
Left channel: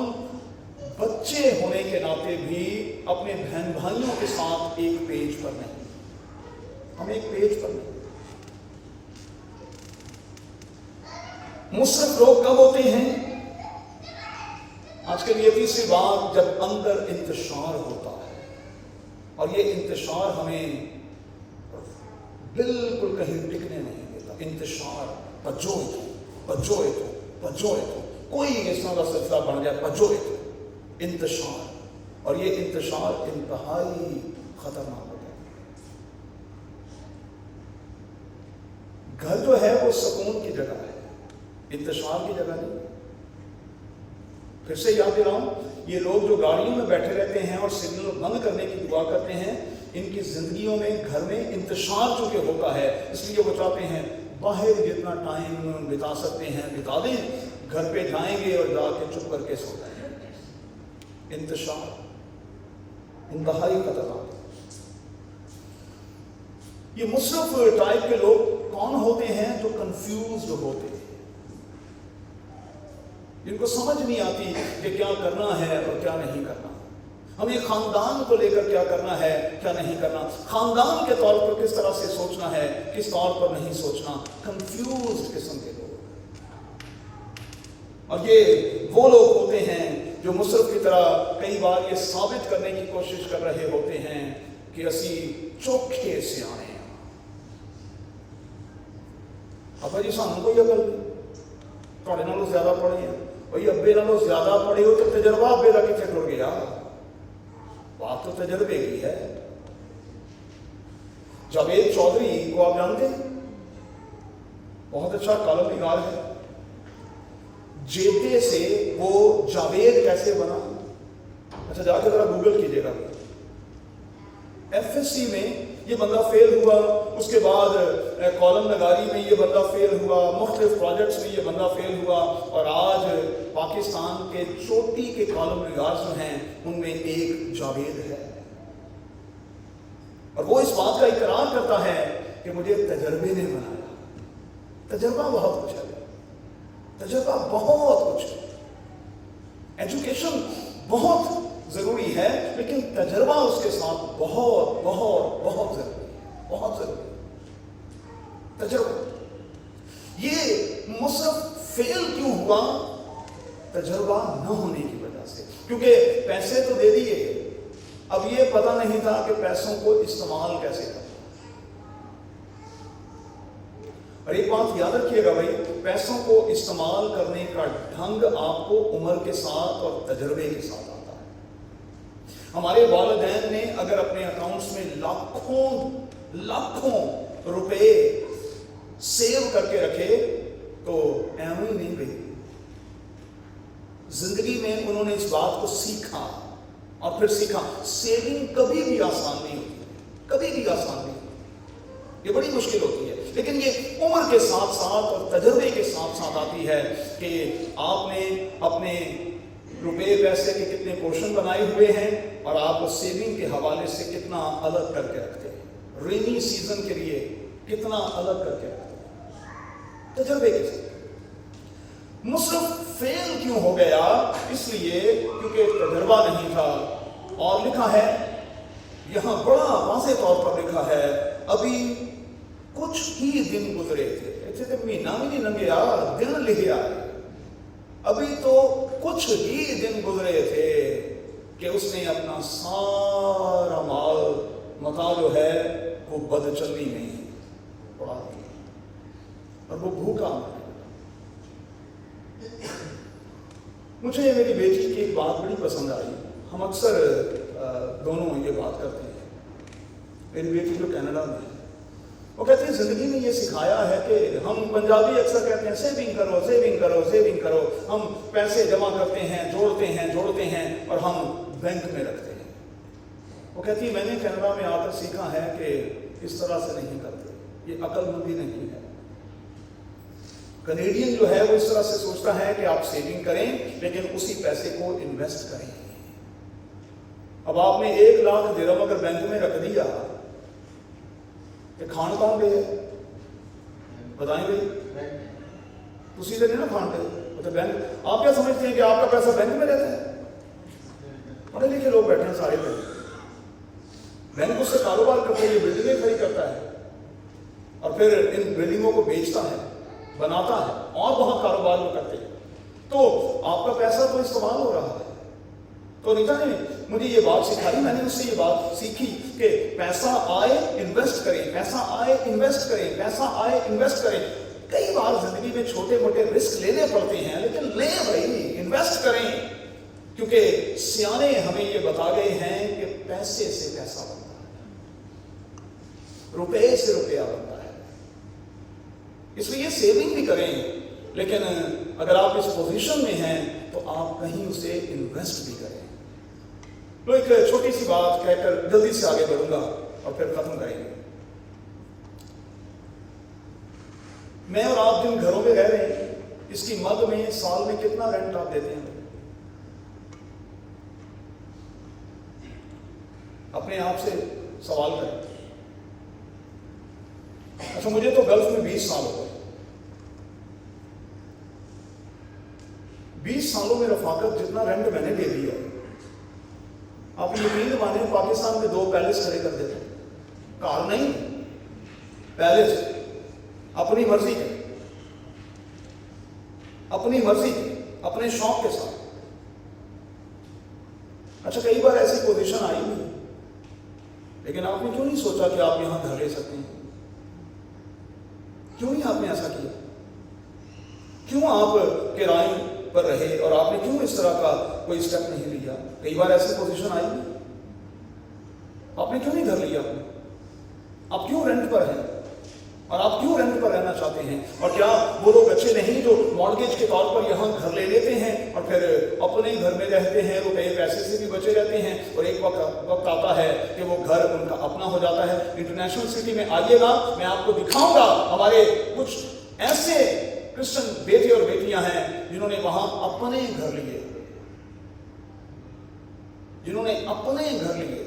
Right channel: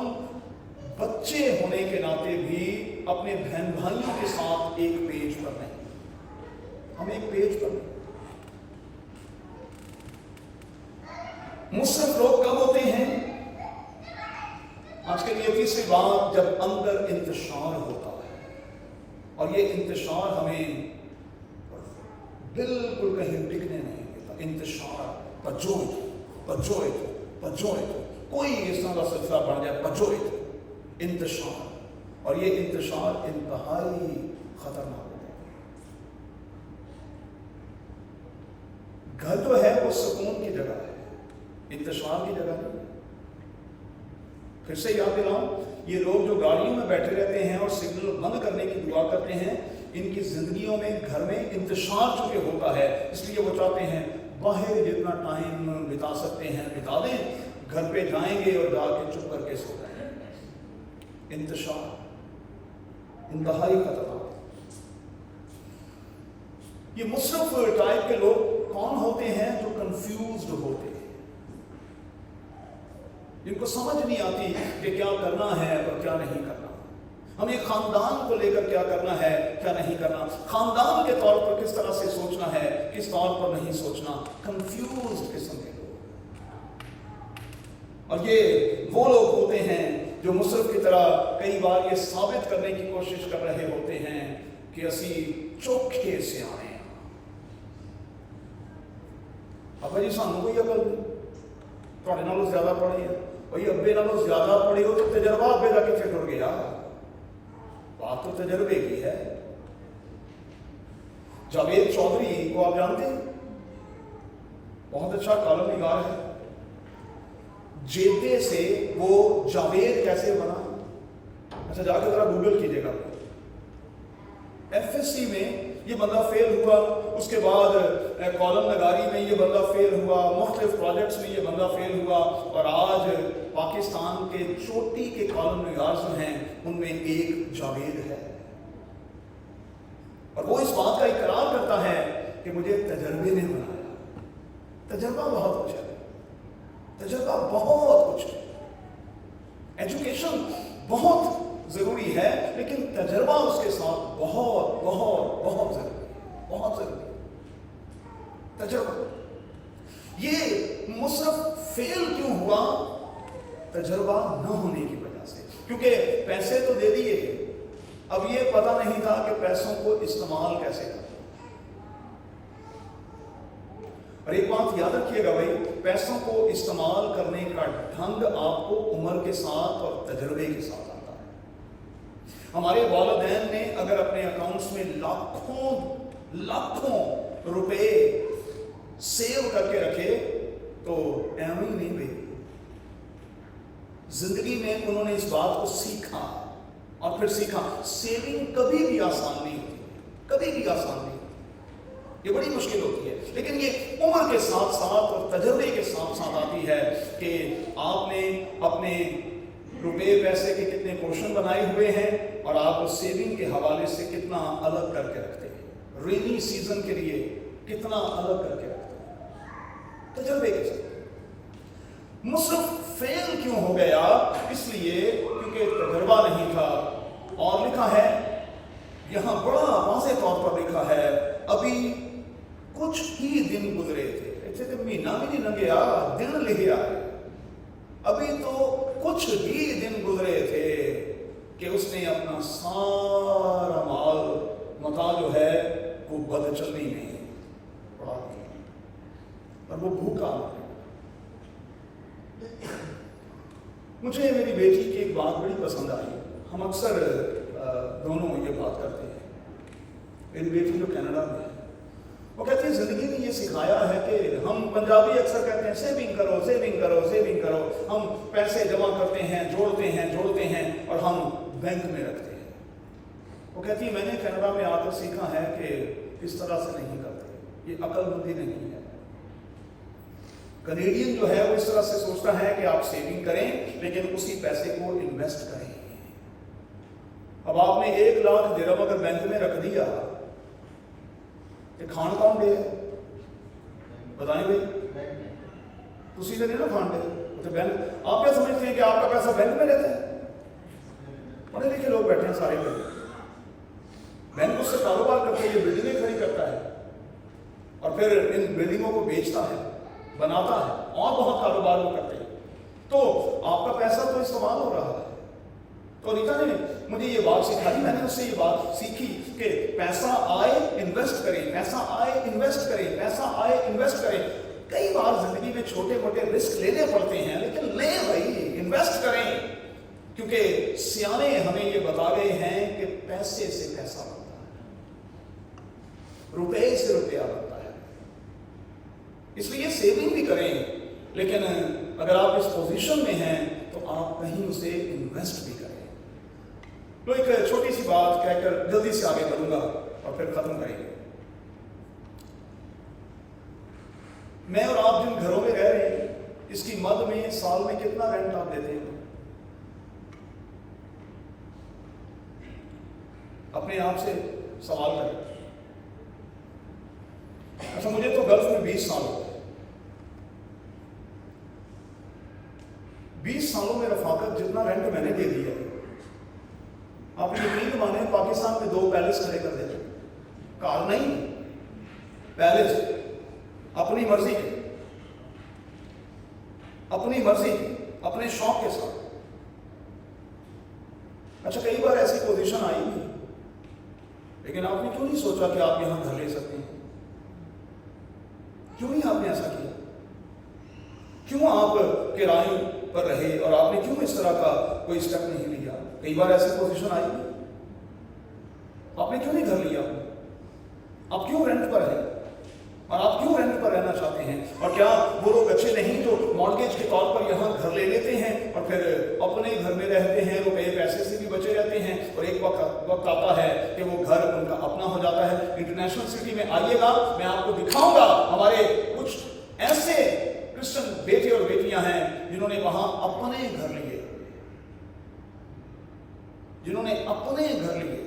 बच्चे होने के नाते भी अपने बहन भाइयों के साथ एक पेज पर नहीं। हम एक पेज पर नहीं। मुसरफ लोग कब होते हैं? आज के लिए तीसरी बात, जब अंदर इंतशार होता है, और ये इंतशार हमें बिल्कुल कहीं टिकने नहीं देता। इंतशार, पजोए कोई इस तरह का सिलसिला बन जाए, पजोए इंतशार, और ये इंतशार इंतहाई खतरनाक होता है। घर जो है वो सुकून की जगह है, इंतशार की जगह नहीं। फिर से याद दिलाऊं, ये लोग जो गाड़ियों में बैठे रहते हैं और सिग्नल बंद करने की दुआ करते हैं, इनकी जिंदगियों में घर में इंतशार चूंकि होता है, इसलिए वो चाहते हैं बाहर जितना टाइम बिता सकते हैं बिता दें, घर पे जाएंगे और जाके चुप करके सो जाएंगे। इंतशार इंतहाई खतरनाक है। ये मुसरफ टाइप के लोग कौन होते हैं? जो कंफ्यूज्ड होते हैं, जिनको समझ नहीं आती कि क्या करना है और क्या नहीं करना, हमें खानदान को लेकर क्या करना है क्या नहीं करना, खानदान के तौर पर किस तरह से सोचना है, किस तौर पर नहीं सोचना। कंफ्यूज्ड किस्म के लोग, और ये वो लोग होते हैं जो मुसरफ की तरह कई बार ये साबित करने की कोशिश कर रहे होते हैं कि असी चोखे से आए हैं। अब जी सानू कोई अकल नहीं, थोड़े नालों ज्यादा पढ़े हैं, भाई अब्बे नालों ज्यादा पढ़े हो तो तजर्बा अब्बे का कितने टुर गया। बात तो तजर्बे की है। जावेद चौधरी को आप जानते हैं, बहुत अच्छा कॉलम निगार है। जेबे से वो जावेद कैसे बना? अच्छा जाकर जरा गूगल कीजिएगा। एफएससी में ये बंदा फेल हुआ, उसके बाद कॉलम नगारी में ये बंदा फेल हुआ, मुख्तलिफ प्रोजेक्ट्स में ये बंदा फेल हुआ, और आज पाकिस्तान के चोटी के कॉलम नगार जो हैं उनमें एक जावेद है, और वो इस बात का इकरार करता है कि मुझे तजर्बे ने बनाया। तजर्बा बहुत कुछ है, तजर्बा बहुत कुछ है, एजुकेशन बहुत जरूरी है, लेकिन तजर्बा उसके साथ बहुत बहुत बहुत जरूरी है, बहुत जरूरी है तजर्बा। ये मुसरफ फेल क्यों हुआ? तजर्बा न होने की वजह से, क्योंकि पैसे तो दे दिए, अब ये पता नहीं था कि पैसों को इस्तेमाल कैसे करना। और एक बात याद रखिएगा भाई, पैसों को इस्तेमाल करने का ढंग आपको उम्र के साथ और तजर्बे के साथ आता है। हमारे वालिदैन ने अगर अपने अकाउंट्स में लाखों रुपए सेव करके रखे तो एवं ही नहीं भाई, जिंदगी में उन्होंने इस बात को सीखा और फिर सीखा। सेविंग कभी भी आसान नहीं होती, कभी भी आसान नहीं होती, ये बड़ी मुश्किल होती है, लेकिन ये उम्र के साथ साथ और तजर्बे के साथ साथ आती है कि आपने अपने रुपए पैसे के कितने पोर्शन बनाए हुए हैं और आप सेविंग के हवाले से कितना अलग करके रखते हैं, रेनी सीजन के लिए कितना अलग करके रखते हैं, तजर्बे के साथ। मुसरफ फेल क्यों हो गया? इसलिए क्योंकि तजर्बा नहीं था। और लिखा है यहां, बड़ा वाज़ेह तौर पर लिखा है, अभी कुछ ही दिन गुजरे थे, इतने तो महीना भी नहीं लंघे, दिन लिखे आ रहे, अभी तो कुछ ही दिन गुजरे थे कि उसने अपना सारा माल मता जो है वो बदचलनी नहीं पड़ा और वो भूखा मर। मुझे मेरी बेटी की एक बात बड़ी पसंद आई, हम अक्सर दोनों ये बात करते हैं। मेरी बेटी जो कनाडा में है, वो कहती है जिंदगी ने ये सिखाया है कि हम पंजाबी अक्सर कहते हैं सेविंग करो सेविंग करो सेविंग करो, हम पैसे जमा करते हैं जोड़ते हैं और हम बैंक में रखते हैं। वो कहती है मैंने कनाडा में आकर सीखा है कि इस तरह से नहीं करते, ये अक्लमंदी नहीं है। कनेडियन जो है वो इस तरह से सोचता है कि आप सेविंग करें लेकिन उसी पैसे को इन्वेस्ट करें। अब आपने 1 लाख दिरहम अगर बैंक में रख दिया, खान कौन दे? बताएं भाई, तुसी तो नहीं ना खान दे, तो बैंक। आप क्या समझते हैं कि आपका पैसा बैंक में रहता है? पढ़े लिखे लोग बैठे हैं सारे बैंक उससे कारोबार करते हैं, ये बिल्डिंगें खड़ी करता है, और फिर इन बिल्डिंगों को बेचता है, बनाता है और बहुत कारोबार वो करते हैं, तो आपका पैसा तो इस्तेमाल हो रहा है। तो नीता ने मुझे ये बात सिखाई, मैंने उससे ये बात सीखी कि पैसा आए इन्वेस्ट करें, पैसा आए इन्वेस्ट करें, पैसा आए इन्वेस्ट करें। कई बार जिंदगी में छोटे मोटे रिस्क लेने पड़ते हैं, लेकिन ले भाई, इन्वेस्ट करें, क्योंकि सियाने हमें ये बता गए हैं कि पैसे से पैसा बनता है, रुपए से रुपया बनता है। इसलिए सेविंग भी करें, लेकिन अगर आप इस पोजीशन में हैं तो आप कहीं उसे इन्वेस्ट भी करें। तो एक छोटी सी बात कहकर जल्दी से आगे बढ़ूंगा और फिर खत्म करेंगे। मैं और आप जिन घरों में रह रहे हैं, इसकी मद में साल में कितना रेंट आप देते हैं? अपने आप से सवाल करें। अच्छा, मुझे तो गल्फ में 20 साल हो गए। 20 सालों में रफाकत जितना रेंट मैंने दे दिया, आप यकीन माने पाकिस्तान में 2 पैलेस खड़े कर देते, कार नहीं, पैलेस, अपनी मर्जी के, अपनी मर्जी के, अपने शौक के साथ। अच्छा, कई बार ऐसी पोजीशन आई नहीं, लेकिन आपने क्यों नहीं सोचा कि आप यहां घर ले सकते हैं? क्यों नहीं आपने ऐसा किया? क्यों आप किराए पर रहे और आपने क्यों इस तरह का कोई स्टेप नहीं लिया? कई बार ऐसी पोजीशन आई, आपने क्यों नहीं घर लिया? आप क्यों रेंट पर हैं? और आप क्यों रेंट पर रहना चाहते हैं? और क्या वो लोग अच्छे नहीं जो मॉर्गेज के तौर पर यहाँ घर ले लेते हैं और फिर अपने घर में रहते हैं, रुपए पैसे से भी बचे रहते हैं, और एक वक्त आता है कि वो घर उनका अपना हो जाता है। इंटरनेशनल सिटी में आइएगा, मैं आपको दिखाऊंगा, हमारे कुछ ऐसे क्रिश्चियन बेटे और बेटियां हैं जिन्होंने वहां अपने घर लिए, जिन्होंने अपने घर लिए।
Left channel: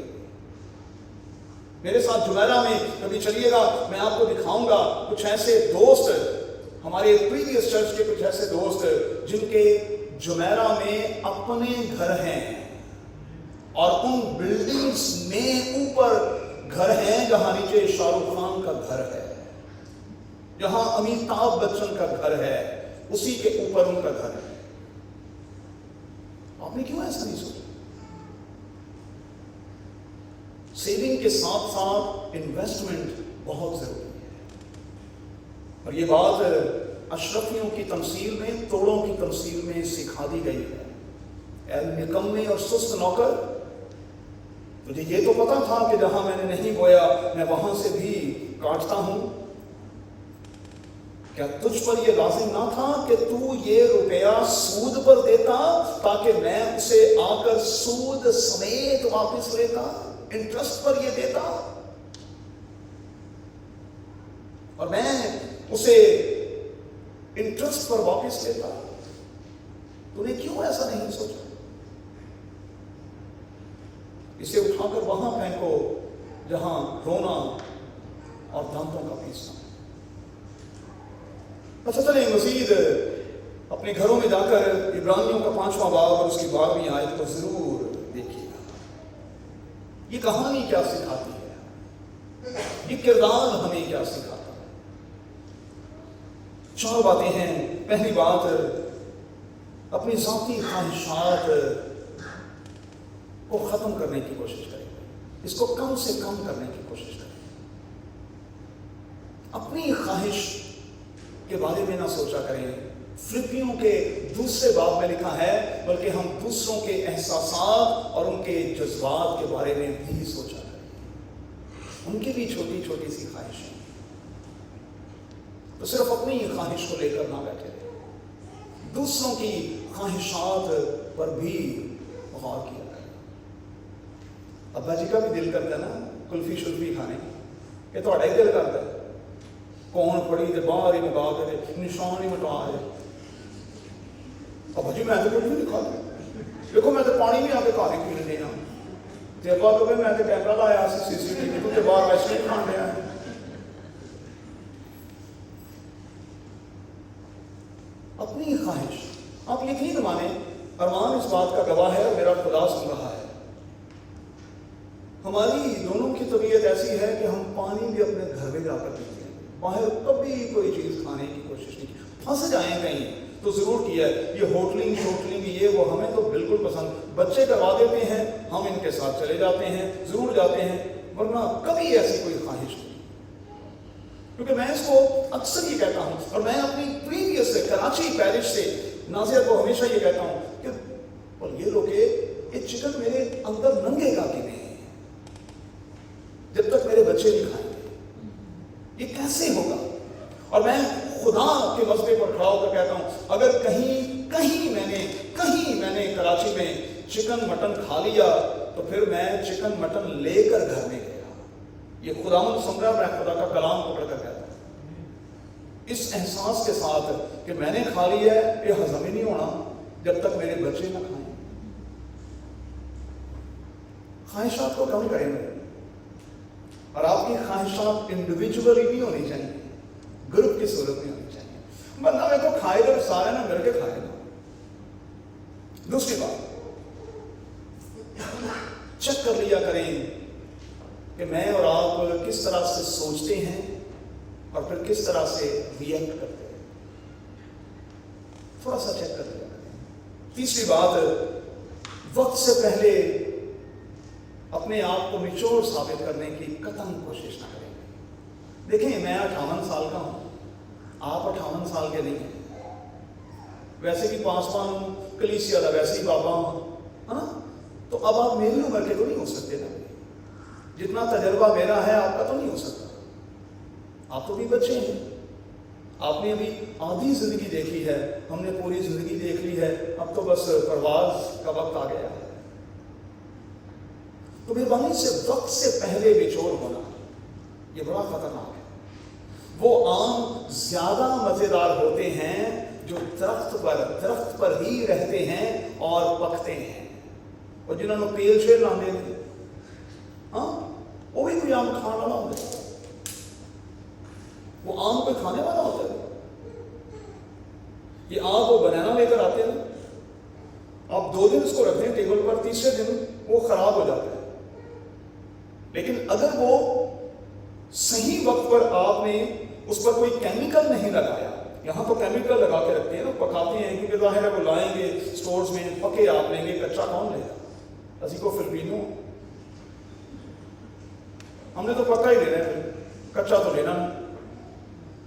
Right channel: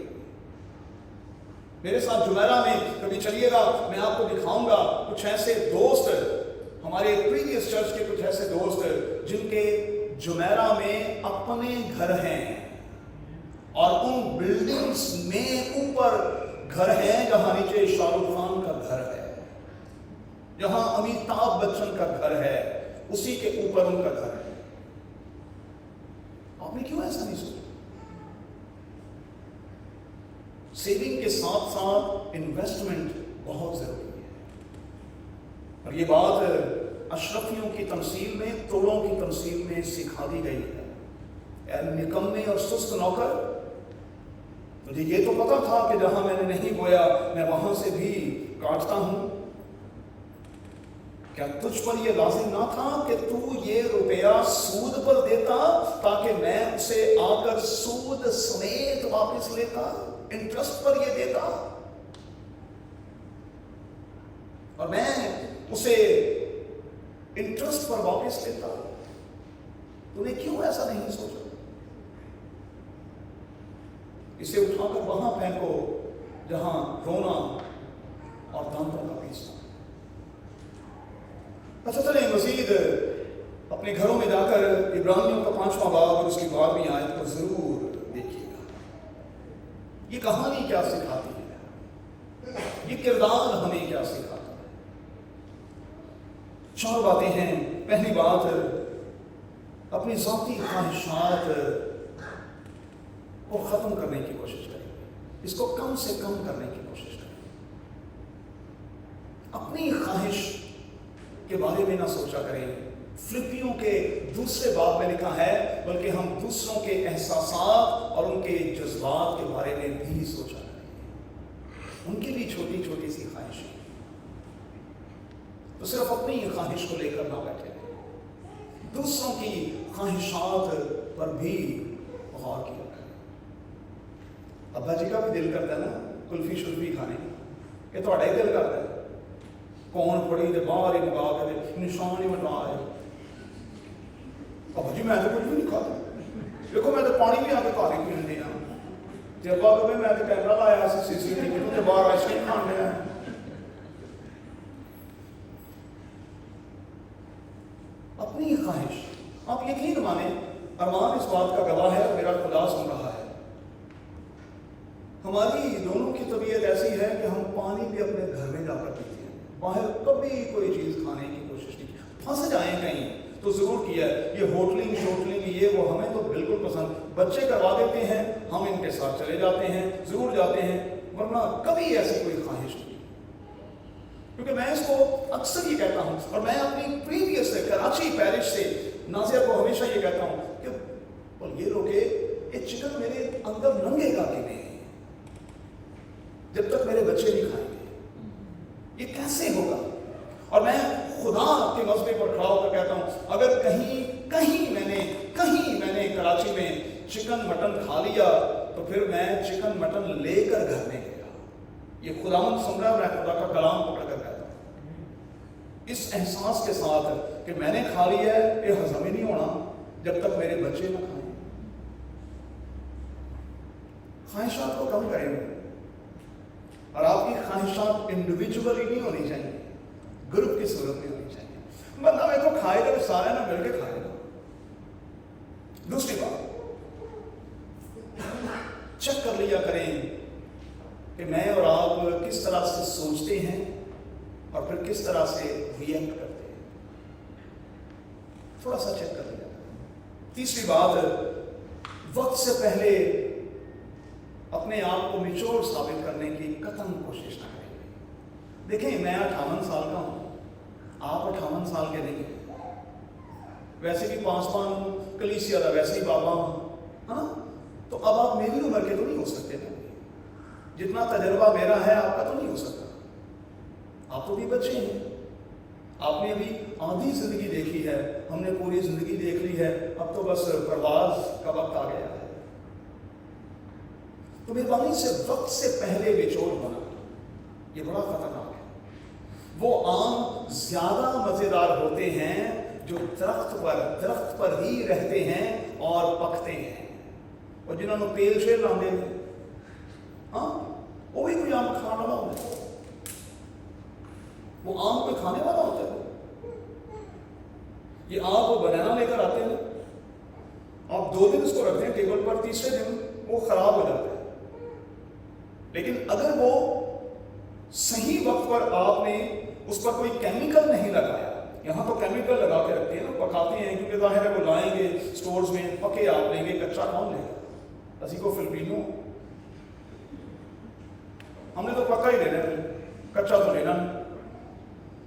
मेरे साथ जुमेरा में कभी चलिएगा, मैं आपको दिखाऊंगा कुछ ऐसे दोस्त, हमारे प्रीवियस चर्च के कुछ ऐसे दोस्त जिनके जुमेरा में अपने घर हैं, और उन बिल्डिंग्स में ऊपर घर हैं जहां नीचे शाहरुख खान का घर है, जहां अमिताभ बच्चन का घर है, उसी के ऊपर उनका घर है। आपने क्यों ऐसा नहीं सोचा? सेविंग के साथ साथ इन्वेस्टमेंट बहुत जरूरी है, और ये बात अशरफियों की तमसील में, तोड़ों की तमसील में सिखा दी गई है। ऐ निकम्मे और सुस्त नौकर, मुझे ये तो पता था कि जहां मैंने नहीं बोया मैं वहां से भी काटता हूं। क्या तुझ पर यह लाजिम ना था कि तू ये रुपया सूद पर देता ताकि मैं उसे आकर सूद समेत वापस लेता, इंटरेस्ट पर ये देता, और मैं उसे इंटरेस्ट पर वापस लेता? तूने क्यों ऐसा नहीं सोचा? इसे उठाकर वहां फेंको जहां रोना और दांतों का पीसना। अच्छा, चले मजीद अपने घरों में जाकर इब्रानियों का 5वां बाब और उसकी 12वीं आयत को जरूर देखिएगा। ये कहानी क्या सिखाती है, ये किरदार हमें क्या सिखाता है? 4 बातें हैं। पहली बात, अपनी ज़ाती ख्वाहिशात को खत्म करने की कोशिश करें, इसको कम से कम करने की कोशिश करें। अपनी ख्वाहिश के बारे में ना सोचा करें। फिलिपियों के 2 बाब में लिखा है, बल्कि हम दूसरों के एहसासात और उनके जज्बात के बारे में भी सोचा करें, उनकी भी छोटी छोटी सी ख्वाहिशें। तो सिर्फ अपनी ख्वाहिश को लेकर ना बैठे रहे, दूसरों की ख्वाहिशात पर भी गौर किया करें। अब्बा जी का भी दिल करता है ना कुल्फी शुल्फी खाने, कि थोड़ा ही दिल करता है, कौन पड़ी तो बाहर ही लगा के निशान ही मिटा है। अब जी मैं तो कुछ भी नहीं खाता, देखो मैं तो पानी भी आके खा के पीने दिया, जब कभी मैं तो कैमरा लाया CCTV तो बाहर वैसे ही खान दिया। अपनी ख्वाहिश, आप यकीन माने, अरमान इस बात का गवाह है और मेरा खुदा सुन रहा है, हमारी दोनों की तबीयत ऐसी है कि हम पानी भी अपने घर में जाकर पीते हैं। बाहर कभी कोई चीज़ खाने की कोशिश नहीं की। फंस जाएं कहीं तो ज़रूर किया है। ये होटलिंग शोटलिंग ये वो हमें तो बिल्कुल पसंद, बच्चे करवा देते हैं, हम इनके साथ चले जाते हैं, ज़रूर जाते हैं, वरना कभी ऐसी कोई ख्वाहिश नहीं। क्योंकि मैं इसको अक्सर ये कहता हूँ, और मैं अपनी प्रीवियस से कराची पैरिश से नाजिया को हमेशा ये कहता हूँ कि और ये लोग ये चिकन मेरे अंदर नंगेगा कि नहीं जब तक मेरे बच्चे नहीं खाएंगे, ये कैसे होगा। और मैं खुदा के मसले पर खड़ा होकर कहता हूँ, अगर कहीं मैंने कराची में चिकन मटन खा लिया तो फिर मैं चिकन मटन लेकर घर में गया। ये खुदावंद सुन रहा है, मैं खुदा का कलाम पकड़ कर कहता हूँ इस एहसास के साथ कि मैंने खा लिया है, ये हजम ही नहीं होना जब तक मेरे बच्चे ना खाएं। ख्वाहिशात को कम करेंगे, और आपकी ख्वाहिशात इंडिविजुअली नहीं होनी चाहिए, ग्रुप की सूरत में होनी चाहिए। बंदा मेरे को खाएगा और सारे ना मिलके खाएगा। दूसरी बात, चेक कर लिया करें कि मैं और आप किस तरह से सोचते हैं और फिर किस तरह से रिएक्ट करते हैं, थोड़ा सा चेक कर लिया करें। तीसरी बात, वक्त से पहले अपने आप को मैच्योर साबित करने की कतई कोशिश ना करें। देखें, मैं 58 साल का हूं, आप 58 साल के नहीं हैं। वैसे भी पासवान हूं, कलीसिया का वैसे ही बाबा हूं, है ना। तो अब आप मेरी उम्र के तो नहीं हो सकते थे, जितना तजर्बा मेरा है आपका तो नहीं हो सकता। आप तो भी बच्चे हैं, आपने भी आधी जिंदगी देखी है, हमने पूरी जिंदगी देख ली है, अब तो बस परवाज का वक्त आ गया है। तो मेहरबानी से वक्त से पहले बेचोर होना ये बड़ा खतरनाक है। वो आम ज्यादा मजेदार होते हैं जो दरख्त पर ही रहते हैं और पकते हैं, और जिन्होंने पेल शेर लाने थे, हाँ, वो भी कोई आम खाना ना होता, वो आम कोई खाने वाला होता है। ये आम वो बनाना लेकर आते हैं, आप 2 दिन उसको रखते हैं टेबल पर, तीसरे दिन वो खराब हो जाता है। लेकिन अगर वो सही वक्त पर आपने उस पर कोई केमिकल नहीं लगाया, यहाँ तो केमिकल लगा के रखते हैं ना, पकाते हैं, क्योंकि जाहिर है वो लाएंगे स्टोर्स में, पके आप लेंगे, कच्चा कौन लेगा। असी को फिलिपिनो हमने तो पक्का ही लेना है, कच्चा तो लेना नहीं।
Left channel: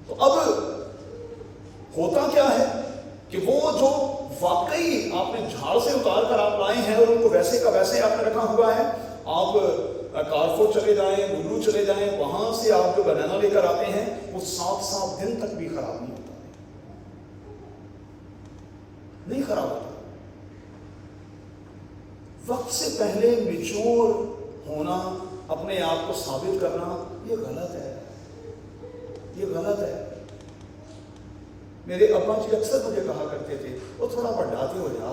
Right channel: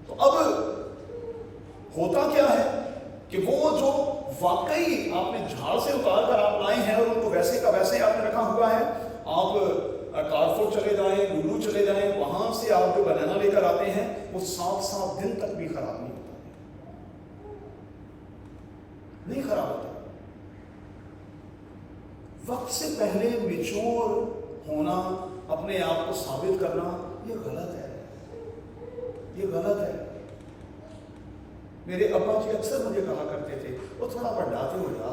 तो अब होता क्या है कि वो जो वाकई आपने झाड़ से उतार कर आप लाए हैं और उनको वैसे का वैसे आपने रखा हुआ है, आप कारफोर चले जाएं, लुलू चले जाएं, वहां से आप जो बनाना लेकर आते हैं वो 7-7 दिन तक भी खराब नहीं होता, नहीं खराब होता। वक्त से पहले मैच्योर होना, अपने आप को साबित करना, ये गलत है, ये गलत है। मेरे अब्बा जी अक्सर मुझे कहा करते थे, वो थोड़ा बढ़ाते हो जा,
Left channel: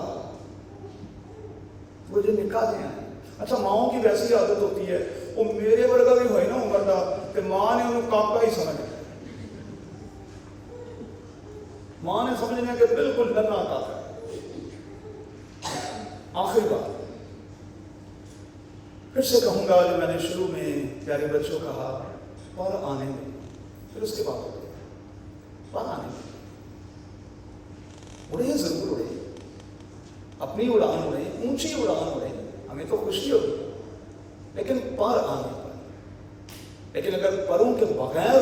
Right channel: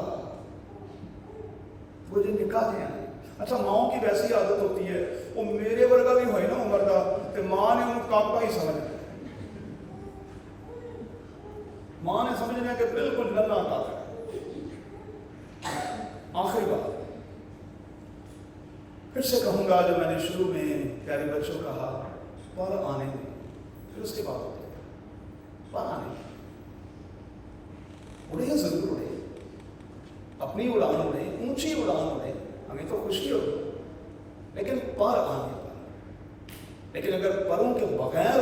मुझे निकाह दें। अच्छा, माओ की वैसी आदत होती है, वो मेरे वर्गा भी होए ना उम्र का, तो मां ने उन्हें काका ही समझ लिया, मां ने समझ लिया कि बिल्कुल नन्हा काका। आखिरी बात फिर से कहूंगा, जो मैंने शुरू में प्यारे बच्चों कहा, पर आने में, फिर उसके बाद पर आने में उड़े, जरूर उड़े, अपनी उड़ान उड़े, ऊंची उड़ान उड़े, हमें तो खुशी होगी, लेकिन पर आने। लेकिन अगर परों के बगैर